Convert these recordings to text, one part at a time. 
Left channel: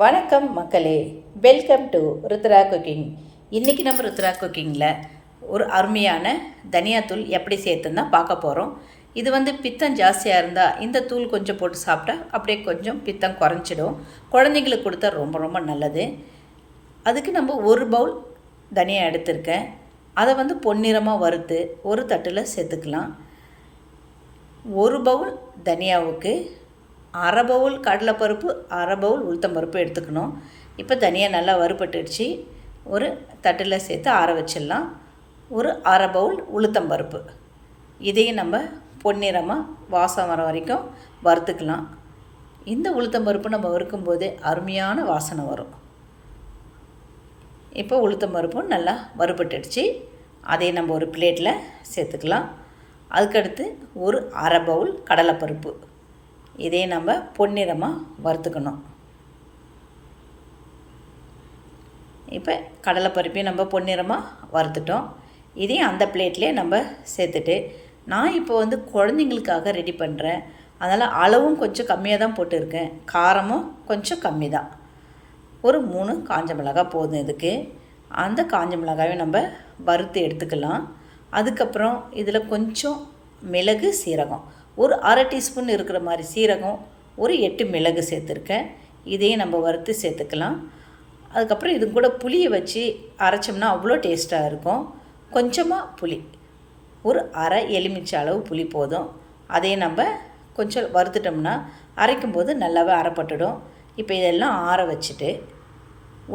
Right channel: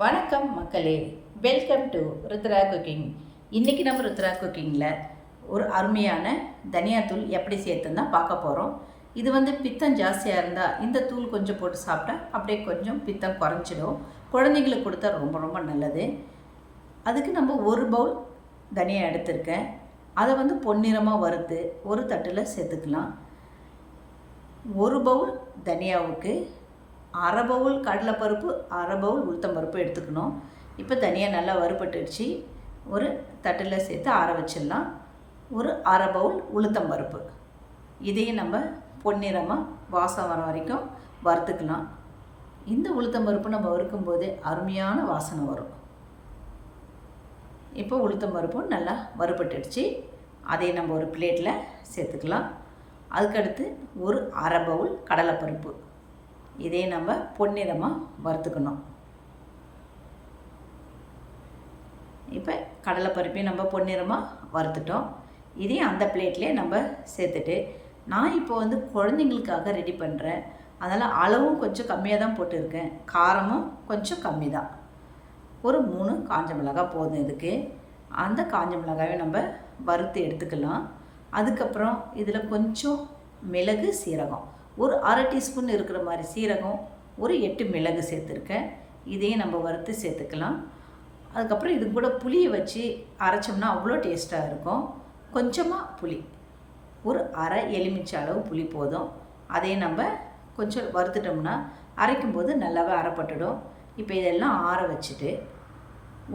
வணக்கம் மக்களே. Welcome to Rudra cooking இன்றைக்கி நம்ம ருத்ரா குக்கிங்கில் ஒரு அருமையான தனியாத்தூள் எப்படி சேர்த்துன்னு தான் பார்க்க போகிறோம் இது வந்து பித்தம் ஜாஸ்தியாக இருந்தால் இந்த தூள் கொஞ்சம் போட்டு சாப்பிட்டா அப்படியே கொஞ்சம் பித்தம் குறைஞ்சிடும். குழந்தைங்களுக்கு கொடுத்தா ரொம்ப ரொம்ப நல்லது. அதுக்கு நம்ம ஒரு பவுல் தனியாக எடுத்திருக்கேன். அதை வந்து பொன்னிறமாக வறுத்து ஒரு தட்டில் சேர்த்துக்கலாம். ஒரு பவுல் தனியாவுக்கு அரை பவுல் கடலைப்பருப்பு அரை பவுல் உளுத்தம்பருப்பு எடுத்துக்கணும். இப்போ தனியாக நல்லா வறுபட்டுடுச்சு. ஒரு தட்டில் சேர்த்து ஆற வச்சிடலாம். ஒரு அரை பவுல் உளுத்தம்பருப்பு இதையும் நம்ம பொன்னிறமாக வாசம் வர வரைக்கும் வறுத்துக்கலாம். இந்த உளுத்தம்பருப்பு நம்ம வறுக்கும்போதே அருமையான வாசனை வரும். இப்போ உளுத்தம்பருப்பும் நல்லா வறுபட்டுடுச்சு. அதை நம்ம ஒரு பிளேட்டில் சேர்த்துக்கலாம். அதுக்கடுத்து ஒரு அரை பவுல் கடலைப்பருப்பு. இதே நம்ம பொன்னிறமாக வறுத்துக்கணும். இப்போ கடலைப்பருப்பையும் நம்ம பொன்னிறமாக வறுத்துட்டோம். இதையும் அந்த பிளேட்லேயே நம்ம சேர்த்துட்டு நான் இப்போ வந்து குழந்தைங்களுக்காக ரெடி பண்ணுறேன் அதனால் அளவும் கொஞ்சம் கம்மியாக தான் போட்டிருக்கேன். காரமும் கொஞ்சம் கம்மி தான். ஒரு மூணு காஞ்ச மிளகாய் போதும் இதுக்கு. அந்த காஞ்ச மிளகாயை நம்ம வறுத்து எடுத்துக்கலாம். அதுக்கப்புறம் இதில் கொஞ்சம் மிளகு சீரகம். ஒரு அரை டீஸ்பூன் இருக்கிற மாதிரி சீரகம் ஒரு எட்டு மிளகு சேர்த்துருக்கேன். இதையும் நம்ம வறுத்து சேர்த்துக்கலாம். அதுக்கப்புறம் இது கூட புளியை வச்சு அரைச்சோம்னா அவ்வளோ டேஸ்ட்டாக இருக்கும். கொஞ்சமாக புளி. ஒரு அரை எலுமிச்சை அளவு புளி போதும். அதையும் நம்ம கொஞ்சம் வறுத்துட்டோம்னா அரைக்கும்போது நல்லாவே அரைப்பட்டுடும். இப்போ இதெல்லாம் ஆற வச்சுட்டு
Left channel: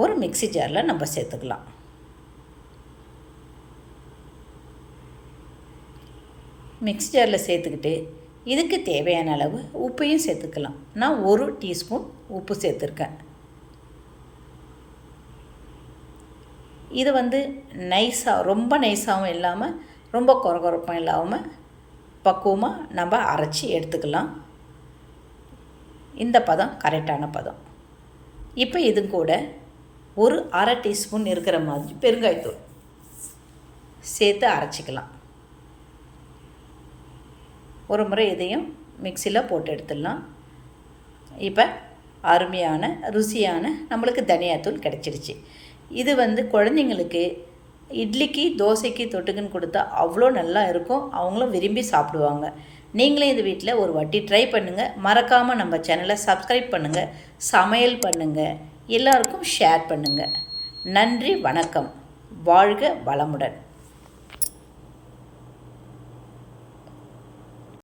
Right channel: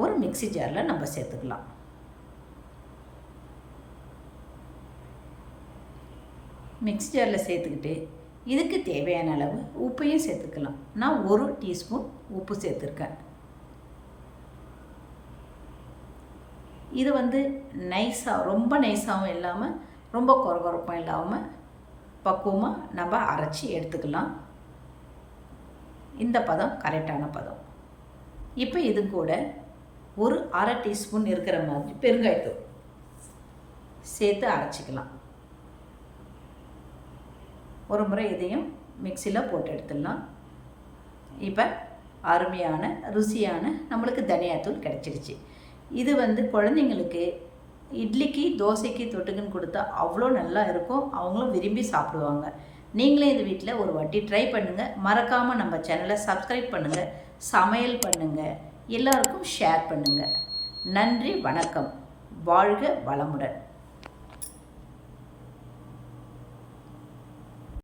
ஒரு மிக்ஸி ஜாரில் நம்ம சேர்த்துக்கலாம். மிக்ஸி ஜாரில் சேர்த்துக்கிட்டு இதுக்கு தேவையான அளவு உப்பையும் சேர்த்துக்கலாம். நான் ஒரு டீஸ்பூன் உப்பு சேர்த்துருக்கேன். இது வந்து நைஸாக ரொம்ப நைஸாகவும் இல்லாமல் ரொம்ப குறகுறப்பும் இல்லாமல் பக்குவமாக நம்ம அரைச்சி எடுத்துக்கலாம். இந்த பதம் கரெக்டான பதம். இப்போ இது கூட ஒரு அரை டீஸ்பூன் இருக்கிற மாதிரி பெருங்காயத்தூள் சேர்த்து அரைச்சிக்கலாம். ஒரு முறை இதையும் மிக்சியில் போட்டு எடுத்துடலாம். இப்போ அருமையான ருசியான நம்மளுக்கு தனியாத்தூள் கிடச்சிடுச்சு. இது வந்து குழந்தைங்களுக்கு இட்லிக்கு தோசைக்கு தொட்டுக்குன்னு கொடுத்தா அவ்வளோ நல்லா இருக்கும். அவங்களும் விரும்பி சாப்பிடுவாங்க. நீங்களே இந்த வீட்டில் ஒரு வாட்டி ட்ரை பண்ணுங்கள் மறக்காமல் நம்ம சேனலை சப்ஸ்கிரைப் பண்ணுங்கள் சமையல் பண்ணுங்கள் எல்லாருக்கும் ஷேர் பண்ணுங்கள் நன்றி வணக்கம். வாழ்க வளமுடன்.